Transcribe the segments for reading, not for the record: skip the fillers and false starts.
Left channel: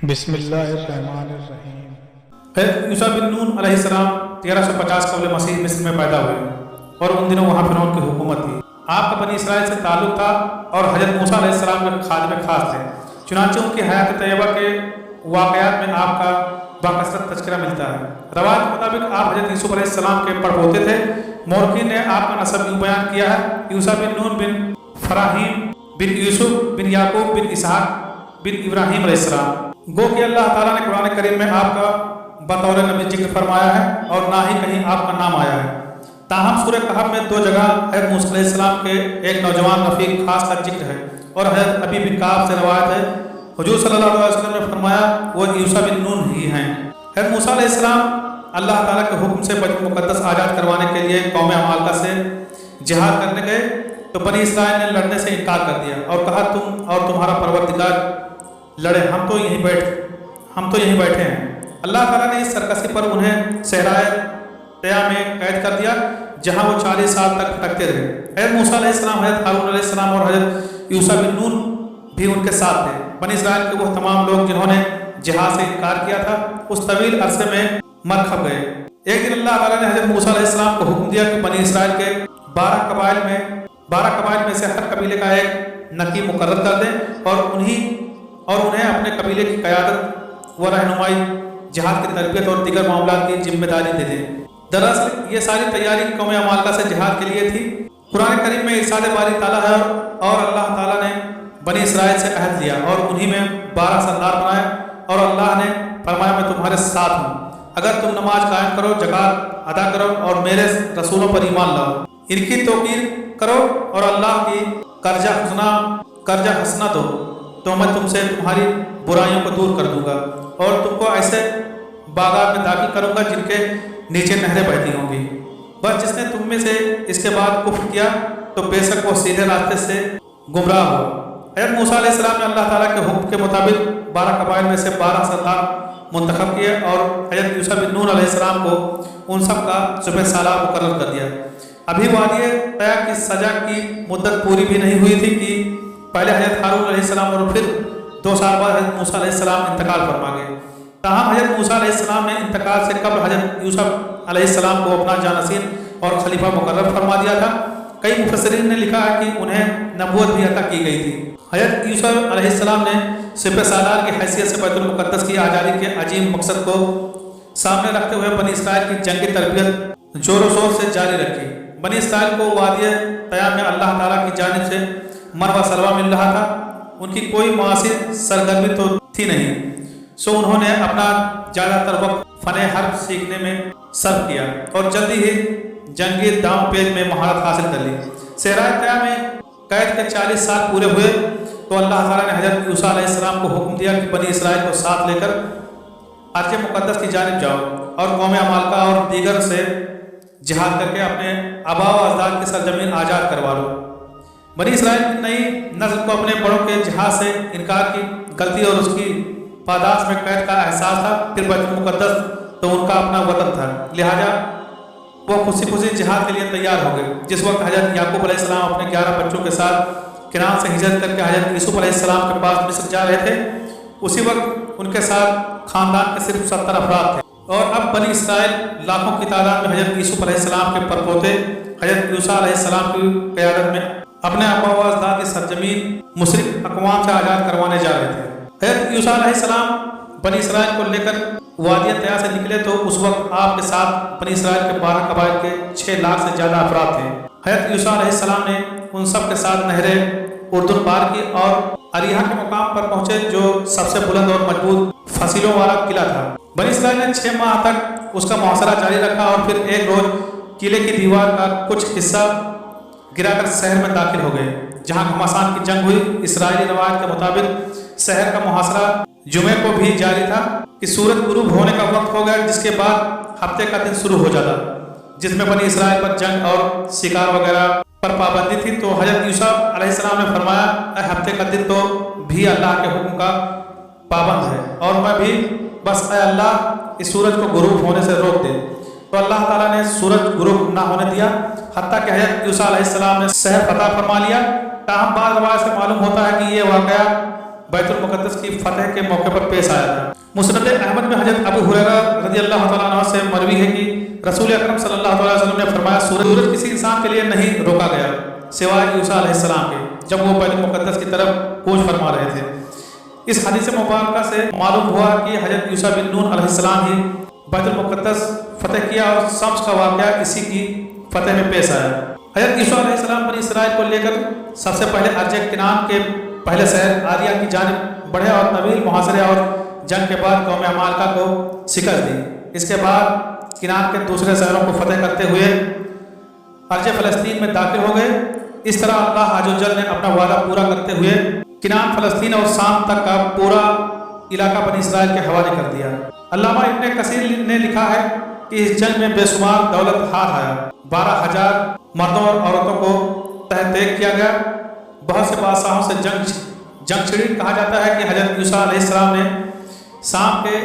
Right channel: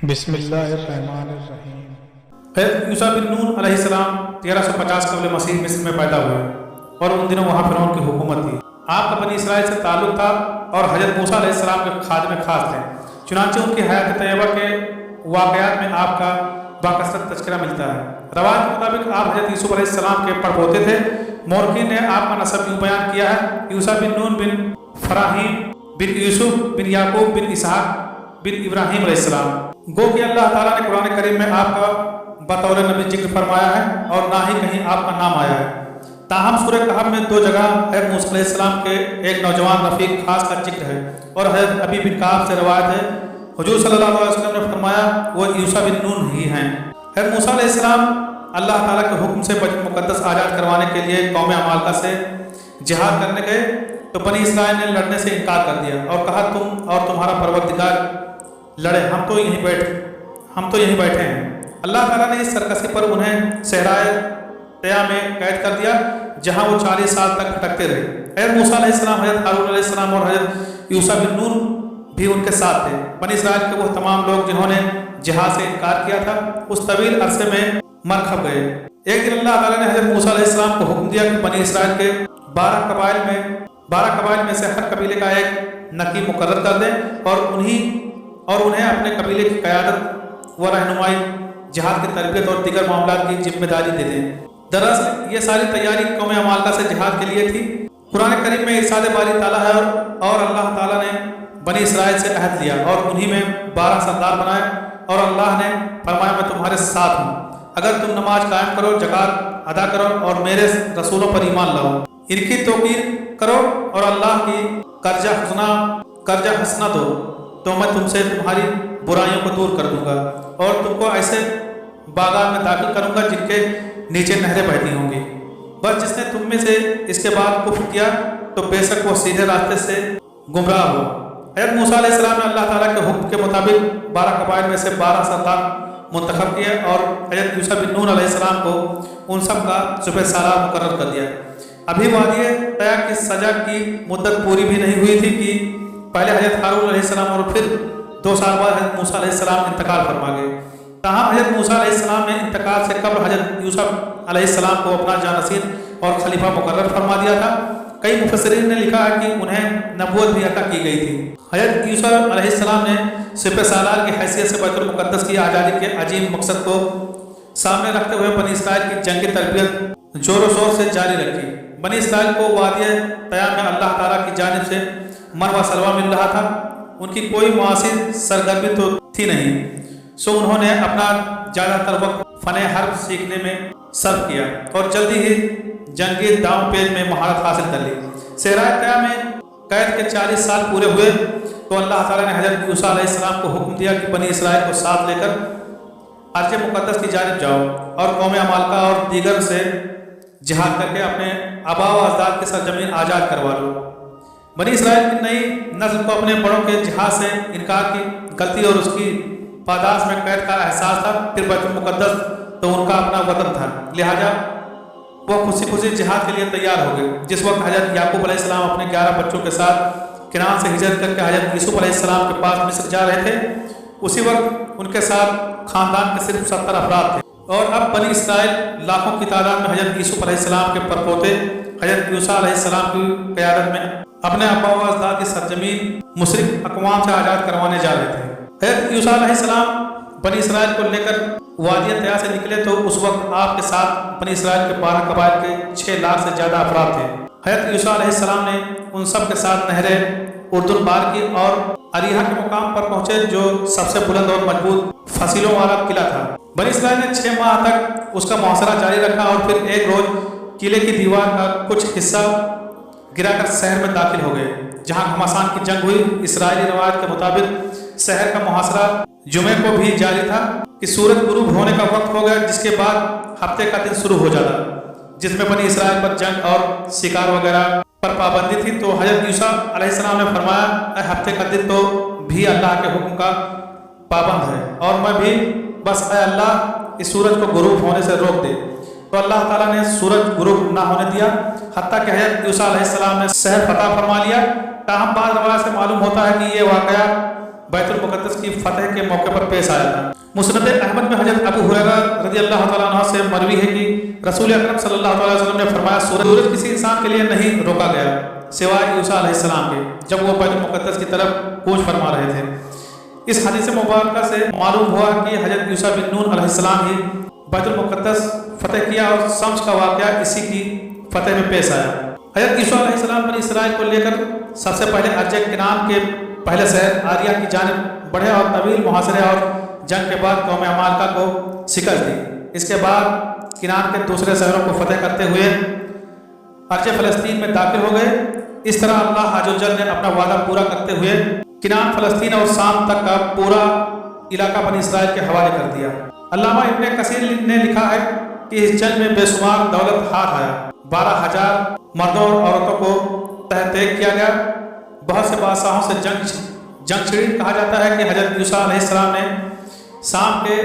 بسم اللہ الرحمن الرحیم۔ حضرت یوسف بن نون علیہ السلام 1350 قبل مسیح مصر میں پیدا ہوئے اور ان دنوں وہاں فرعون کی حکومت تھی۔ آپ کا بنی اسرائیل سے تعلق تھا اور حضرت موسیٰ علیہ السلام کے خادم خاص تھے، چنانچہ ان کی حیات طیبہ کے واقعات میں آپ کا باکثرت تذکرہ ملتا ہے۔ روایت کے مطابق آپ حضرت یوسف علیہ السلام کے پڑپوتے تھے۔ مورخین نے آپ کا نسب یوں بیان کیا ہے: یوسف بن نون بن فراہیم بن یوسف بن یعقوب بن اسحاق بن ابراہیم علیہ السلام۔ گو کہ اللہ تعالیٰ نے قرآن کریم میں آپ کا بطور نبی ذکر فرمایا ہے اور نہ ہی کہیں آپ کا نام آیا ہے۔ تاہم سورہ کہف میں 2 جگہ حضرت موسیٰ علیہ السلام کے ایک نوجوان رفیق خاص کا ذکر ہے، اور حضرت ابی بن کعب سے روایت ہے حضور صلی اللہ علیہ وسلم نے فرمایا وہ یوسف بن نون ہی ہیں۔ حضرت موسیٰ علیہ السلام اللہ تعالیٰ کے حکم سے بیت المقدس آزاد کروانے کے لیے قوم عمالقہ سے جہاد کرنے گئے تو بنی اسرائیل نے لڑنے سے انکار کر دیا اور کہا تم اور تمہارا پروردگار لڑے، ہم تو یہیں بیٹھے ہیں۔ اللہ تعالیٰ نے اس سرکشی پر انہیں صحرائے طیٰ میں قید کر دیا، جہاں وہ 40 سال تک بھٹکتے رہے۔ حضرت موسیٰ علیہ السلام، حضرت ہارون علیہ السلام اور حضرت یوسف بن نون بھی ان کے ساتھ تھے۔ بنی اسرائیل کے وہ تمام لوگ جنہوں نے جہاد سے انکار کیا تھا اس طویل عرصے میں مر کھپ گئے۔ ایک دن اللہ تعالیٰ نے حضرت موسیٰ علیہ السلام کو حکم دیا کہ بنی اسرائیل کے 12 قبائل میں سے ہر قبیلے کا ایک نقیب مقرر کر دیں اور انہیں اپنے قبیلے کی قیادت و رہنمائی، جہاد کی تربیت اور دیگر معاملات کی ذمہ داری دے دیں۔ دراصل یہ ساری تیاری قوم عمالقہ سے جہاد کے لیے تھی۔ قرآن کریم میں ارشاد باری تعالیٰ ہے اور اللہ تعالیٰ نے بنی اسرائیل سے عہد لیا اور انہی میں 12 سردار بنائے، اور اللہ نے فرمایا میں تمہارے ساتھ ہوں اگر تم نماز قائم کرو، زکوٰۃ ادا کرو اور میرے رسولوں پر ایمان لاؤ، ان کی توقیر کرو اور اللہ کی قرضہ حسنہ دو تو میں تم سے تمہاری برائیوں کو دور کر دوں گا اور تم کو ایسے باغات میں داخل کروں گا جن کے نیچے نہریں بہتی ہوں گی۔ بس جس نے تم میں سے اس کے بعد کفر کیا تو بے شک وہ سیدھے راستے سے گمراہ ہوا۔ حضرت موسیٰ علیہ السلام نے اللہ تعالیٰ کے حکم کے مطابق 12 قبائل میں سے 12 سردار منتخب کیے اور حضرت یوسف بن نون علیہ السلام کو ان سب کا صبح سالار مقرر کر دیا۔ ابھی وادی طیٰ کی سزا کی مدت پوری بھی نہیں ہوئی تھی کہ پہلے حضرت ہارون علیہ السلام اور پھر 2 سال بعد حضرت موسیٰ علیہ السلام انتقال فرما گئے۔ تاہم حضرت موسیٰ علیہ السلام نے انتقال سے قبل حضرت یوسف علیہ السلام کو اپنا جانشین اور خلیفہ مقرر فرما دیا تھا۔ کئی مفسرین نے لکھا ہے کہ انہیں نبوت بھی عطا کی گئی تھی۔ حضرت یوسف علیہ السلام نے سپہ سالار کی حیثیت سے بیت المقدس کی آزادی کے عظیم مقصد کو سامنے رکھتے ہوئے بنی اسرائیل کی جنگی تربیت زور و شور سے جاری رکھی۔ بنی اسرائیل کو وادی طیٰ میں اللہ تعالیٰ کی جانب سے من و سلوہ مل رہا تھا، ان کی کوئی معاشی سرگرمی تو تھی نہیں، سو انہوں نے اپنا زیادہ تر وقت فن حرب سیکھنے میں صرف کیا اور جلدی ہی جنگی داؤں پیچ میں مہارت حاصل کر لی۔ صحرائے طیٰ میں قید کے 40 سال پورے ہوئے تو اللہ تعالیٰ نے حضرت یوسف علیہ السلام کو حکم دیا کہ بنی اسرائیل کو ساتھ لے کر ارض مقدس کی جانب جاؤ اور قوم عمالقہ اور دیگر سے جہاد کر کے اپنے آباء و اجداد کی سرزمین آزاد کروا لو۔ بنی اسرائیل کی نئی نسل کو اپنے بڑوں کے جہاد سے انکار کی غلطی اور اس کی پاداش میں قید کا احساس تھا۔ پھر بیت المقدس تو ان کا اپنا وطن تھا، لہٰذا وہ خوشی جہاد کے لیے تیار ہو گئے۔ جس وقت حضرت یعقوب علیہ السلام اپنے 11 بچوں کے ساتھ کنعان سے ہجرت کر کے حضرت یوسف علیہ السلام کے پاس مصر جا رہے تھے، اسی وقت ان کے ساتھ خاندان کے صرف 70 افراد تھے، اور اب بنی اسرائیل لاکھوں کی تعداد میں حضرت یوسف علیہ السلام کے پرپوتے حضرت یوسف علیہ السلام کی قیادت میں اپنے آباء و اجداد کی سرزمین مشرک اقوام سے آزاد کروانے جا رہے تھے۔ حضرت یوسف علیہ السلام بنی اسرائیل کو لے کر وادی طیٰ سے نکلے تو اس وقت آپ کے ساتھ بنی اسرائیل کے 12 قبائل کے 6 لاکھ سے زیادہ افراد تھے۔ حضرت یوسف علیہ السلام نے ان سب کے ساتھ نہر اردن پار کی اور اریحا کے مقام پر پہنچے جو سب سے بلند اور مضبوط فصیلوں والا قلعہ تھا۔ بنی اسرائیل نے 6 ماہ تک اس کا محاصرہ جاری رکھا اور پھر ایک روز قلعے کی دیوار کا کچھ حصہ گرا کر شہر میں داخل ہو گئے، جہاں گھمسان کی جنگ ہوئی۔ اسرائیلی روایت کے مطابق شہر کا محاصرہ جمعے کو بھی جاری تھا کہ سورج غروب ہونے کا وقت ہو گیا، جس کے بعد ہفتے کا دن شروع ہو جاتا، جس میں بنی اسرائیل پر جنگ اور شکار وغیرہ پر پابندی تھی۔ تو حضرت یوسف علیہ السلام نے فرمایا اے ہفتے کا دن تو بھی اللہ کے حکم کا پابند ہے اور میں بھی، بس اے اللہ اس سورج کو غروب ہونے سے روک دے۔ تو اللہ تعالیٰ نے سورج غروب نہ ہونے دیا، حتیٰ کہ حضرت یوسف علیہ السلام نے شہر فتح فرما لیا۔ تاہم بعض روایت سے معلوم ہوتا ہے کہ یہ واقعہ बैतुल मुक़द्दस की फतह के मौके पर पेश आया था। मुस्नद अहमद में हज़रत अबू हुरैरा रज़ी अल्लाह तआला अन्हु से मरवी है कि रसूल अकरम सल्लल्लाहु अलैहि वसल्लम ने फरमाया, सूरज किसी इंसान के लिए नहीं रोका गया सिवाय यूसा अलैहिस्सलाम के, जब वो बैतुल मुक़द्दस की तरफ कूच फरमा रहे थे। इस हदीस मुबारक से मालूम हुआ कि हज़रत यूसा बिन नून अलैहिस्सलाम ही बैतुल मुक़द्दस फतह किया और शम्स का वाक़या इसी की फतह में पेश आया। हज़रत यूसा अलैहिस्सलाम बनी इसराइल को लेकर सबसे पहले अर्ज किनान के पहले शहर आरिया की जानिब बढ़े और तवील मुहासरे और जंग के बाद कौम अमालका को शिकस्त दी। इसके बाद किनान के दूसरे शहरों को फतह करते हुए अर्ज फ़लस्तीन में दाखिल हो गए। इस तरह अल्लाह अज़्ज़वजल ने अपना वादा पूरा करते हुए किनान, फ़लस्तीन और शाम तक का पूरा इलाका बनी इसराइल के हवाले कर दिया। अल्लामा इब्न कसीर ने लिखा है कि इस जंग में बेशुमार दौलत हाथ आया, 12,000 मर्दों और औरतों को तहत किया गया। बहुत से बादशाहों से जंग छिड़ी। कहा जाता है कि हज़रत यूसा अलैहिस्सलाम ने शाम के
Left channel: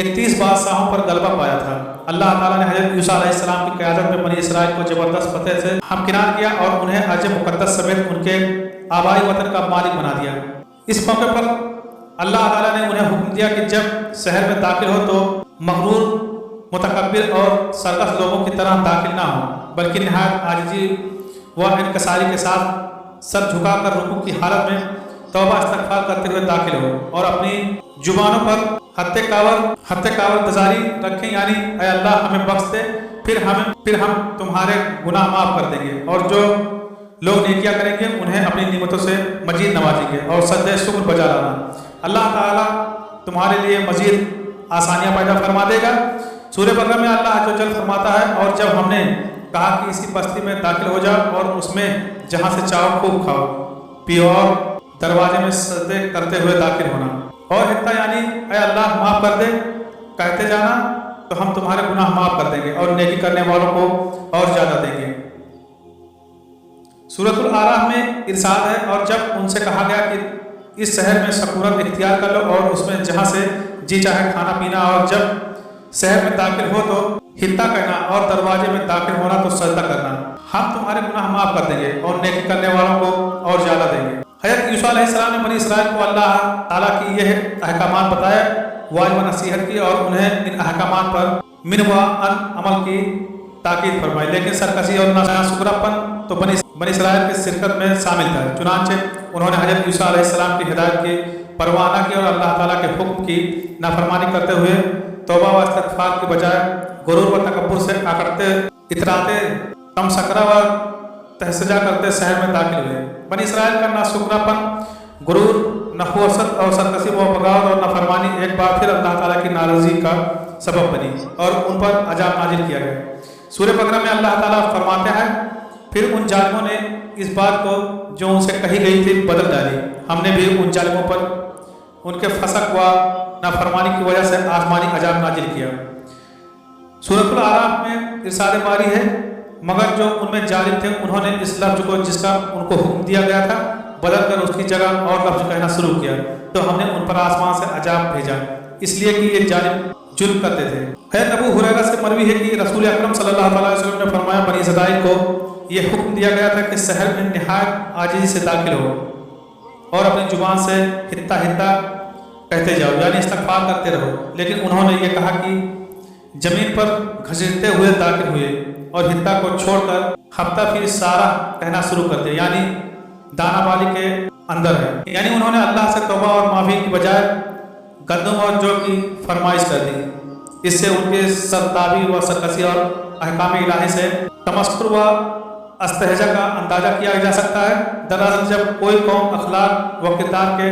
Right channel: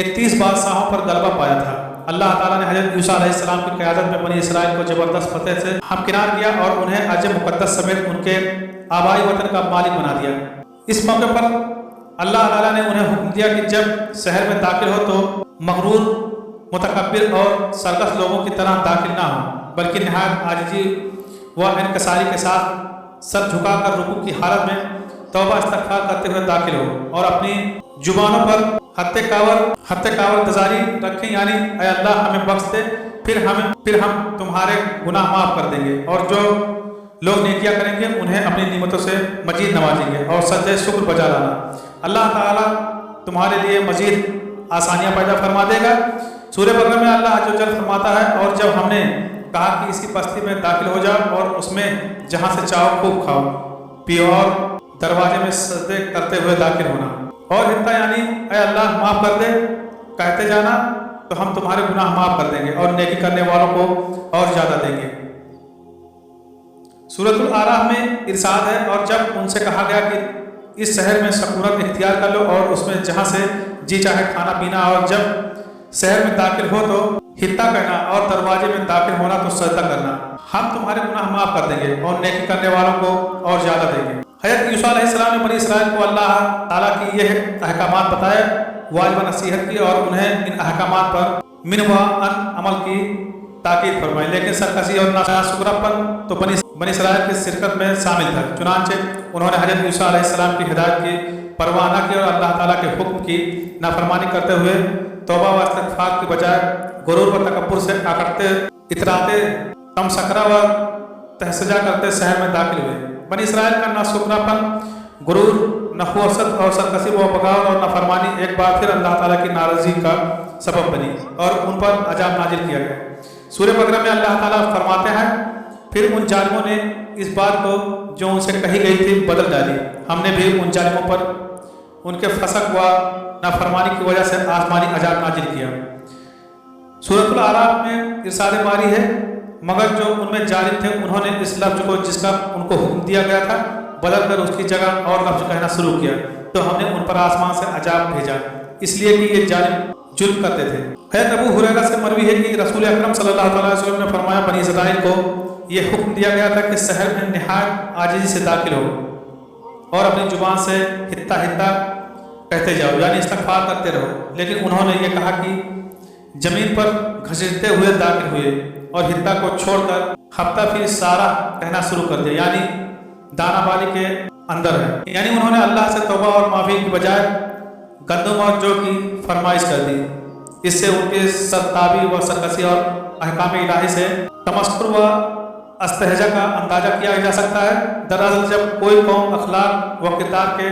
31 बादशाहों पर गलबा पाया था। अल्लाह ताला ने हज़रत यूसा अलैहिस्सलाम की क़यादत में बनी इसराइल को ज़बरदस्त फतह से हमकिनार किया और उन्हें अर्ज मुक़द्दस समेत उनके आबाई वतन का मालिक बना दिया। इस मौके पर अल्लाह ताला ने उन्हें हुक्म दिया कि जब शहर में दाखिल हो तो मगरूर, मुतकब्बिर और सरकस लोगों की तरह दाखिल ना हो, बल्कि नहायत आजिज़ी व इनकसारी के साथ सर झुकाकर रुकू की हालत में तौबा इस्तग़फ़ार करते हुए दाखिल हो और अपनी जुबानों पर हत्ते कावर दजारी रखें, यानी ऐ अल्लाह हमें बख्श दे, फिर हम तुम्हारे गुनाह माफ़ कर देंगे और जो लोग नेकियां करेंगे उन्हें अपनी निमतों से मजीद नवाजेंगे और सजदे शुक्र बजा लाना। अल्लाह ताला तुम्हारे लिए मजीद आसानियाँ पैदा फरमा देगा। सूरह बकरा में अल्लाह अज़्ज़वजल फरमाता है, और जब हमने कहा कि इसी बस्ती में दाखिल हो जाओ और उसमें जहाँ से चाहो खूब खाओ पियो और दरवाजे में सजदे करते हुए दाखिल होना और हित्ता यानी ऐ अल्लाह माफ़ कर दे कहते जाना, तो हम तुम्हारे गुनाह माफ़ कर देंगे और नेकी करने वालों को और ज़्यादा देंगे। सूरतुल आराफ में इरशाद है, और जब उनसे कहा गया कि इस शहर में सकूनत इख्तियार कर लो और उसमें जहाँ से जी चाहे खाना पीना, और जब शहर में दाखिल हो तो हित्ता कहना और दरवाजे में दाखिल होना तो सजदा करना, हम तुम्हारे गुनाह माफ़ कर देंगे और नेकी करने वालों को और ज़्यादा देंगे। हज़रत यूसा अलैहिस्सलाम ने बनी इसराइल को अल्लाह ताला की यह अहकामात बताए, वाजिब नसीहत की और उन्हें इन अहकामात पर मिन व अन अमल की ताकीद फरमाई। लेकिन सरकशी और नाशुक्रापन तो बनी इसराइल की शिरकत में शामिल था। चुनांचे उन्होंने हज़रत यूसा अलैहिस्सलाम की हिदायत की परवाह न की और अल्लाह ताला के हुक्म की नाफरमानी करते हुए तौबा व इस्तग़फ़ार की बजाय गुरूर व तकब्बुर से आकड़ते इतराते तमसकरा व तहसजा करते शहर में दाखिल हुए। बनी इसराइल का नाशुक्रापन, गुरूर, नहुवसत और सरकशी व बगावत और नाफरमानी एक बार फिर अल्लाह ताला की नाराज़गी का सबब बनी और उन पर अजाब नाजिल किया गया। सूरह बकरा में अल्लाह ताला फरमाते हैं, फिर उन जालिमों ने इस बात को जो उनसे कही गई थी बदल डाली। हमने भी उन जालिमों पर उनके फसक व नाफरमानी की वजह से आसमानी अजाब नाजिल किया। सूरतुल आराफ में इरशाद बारी है, मगर जो उनमें जालिम थे उन्होंने इस लफ्ज़ को जिसका उनको हुक्म दिया गया था बदल कर उसकी जगह और लफ्ज़ कहना शुरू किया, तो हमने उन पर आसमान से अजाब भेजा, इसलिए कि ये जालिम जुल्म करते थे। हज़रत अबू हुरैरा से मरवी है कि रसूल अकरम सल्लल्लाहु अलैहि वसल्लम ने फरमाया, बनी इसराइल को ये हुक्म दिया गया था कि शहर में निहायत आजिज़ी से दाखिल हो और अपनी जुबान से हित्ता हित्ता कहते जाओ, यानी इस्तग़फ़ार करते रहो। लेकिन उन्होंने ये कहा कि ज़मीन पर घसीटते हुए दाखिल हुए और हित्ता को छोड़कर हफ्ता फिर सारा कहना शुरू कर दिया, यानी दाना बाली के अंदर है। यानी उन्होंने अल्लाह से तौबा और माफ़ी की बजाय गंदम और जौ की फरमाइश कर दी। इससे उनके सरताबी व सरकशी और अहकाम इलाही से तमस्कुर व अस्तहजा का अंदाज़ा किया जा सकता है। दरअसल जब कोई कौम अखलाक व किरदार के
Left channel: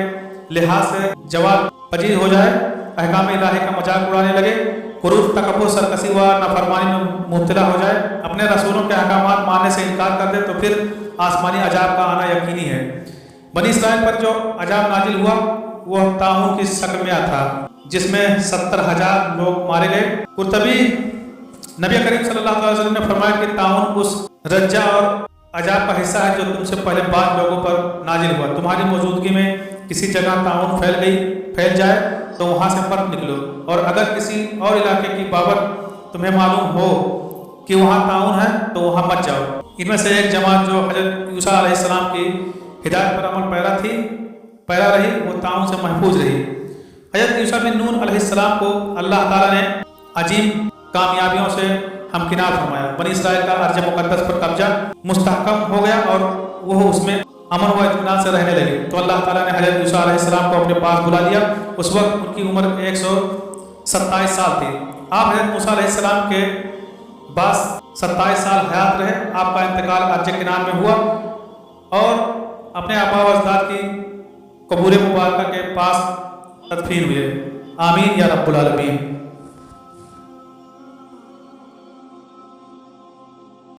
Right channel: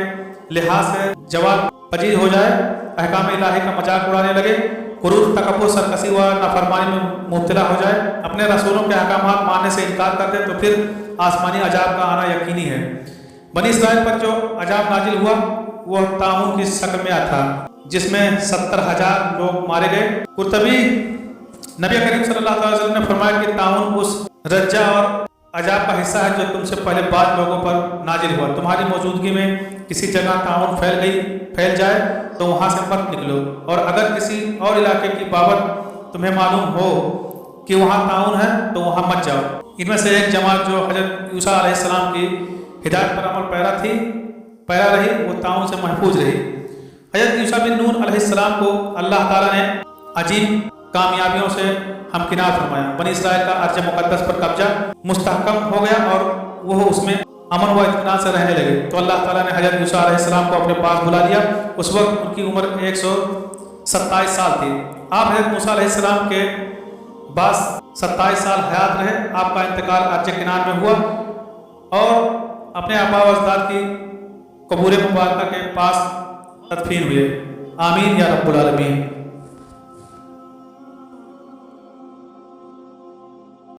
लिहाज से जवाब पजीर हो जाए, अहकाम इलाही का मजाक उड़ाने लगे, गुरूर, तकब्बुर, सरकशी व नाफरमानी में मुब्तला हो जाए, अपने रसूलों के अहकामात मानने से इनकार कर दे, तो फिर आसमानी अजाब का आना यकीनी है। बनी इसराइल पर जो अजाब नाजिल हुआ वह ताउन की शक्ल में था, जिसमें 70,000 लोग मारे गए। कुर्तबी नबी करीम सल्लल्लाहु अलैहि वसल्लम ने फरमाया कि ताउन उस रज्जा और अजाब का हिस्सा है जो तुमसे पहले बाद लोगों पर नाजिल हुआ। तुम्हारी मौजूदगी में किसी जगह ताउन फैल जाए तो वहाँ से मत निकलो, और अगर किसी और इलाके की बाबत तुम्हें मालूम हो कि वहाँ ताउन है तो वहाँ मत जाओ। इनमें से एक जमात जो हज़रत यूसा अलैहिस्सलाम की हिदायत पर अमल पैरा थी पैदा रही, वो ताउन से महफूज रही। हज़रत यूशा बिन नून अलैहिस्सलाम को अल्लाह ताला ने अजीम कामयाबियों से हमकिनार फरमाया। बनी इसराइल का अर्ज मुक़द्दस पर कब्जा मुस्तहकम हो गया और वो उसमें अमन व इत्मीनान से रहने लगे। तो अल्लाह ताला ने हज़रत यूशा अलैहिस्सलाम को अपने पास बुला लिया। उस वक्त उनकी उम्र 127 साल थी। आप हज़रत मूसा अलैहिस्सलाम के बाद 27 साल हयात रहे। आपका इंतकाल अर्ज किनान में हुआ और अपने आबा व अजदाद की कबूर मुबारक के पास तदफीन हुए। आमीन या रब्बुल आलमीन।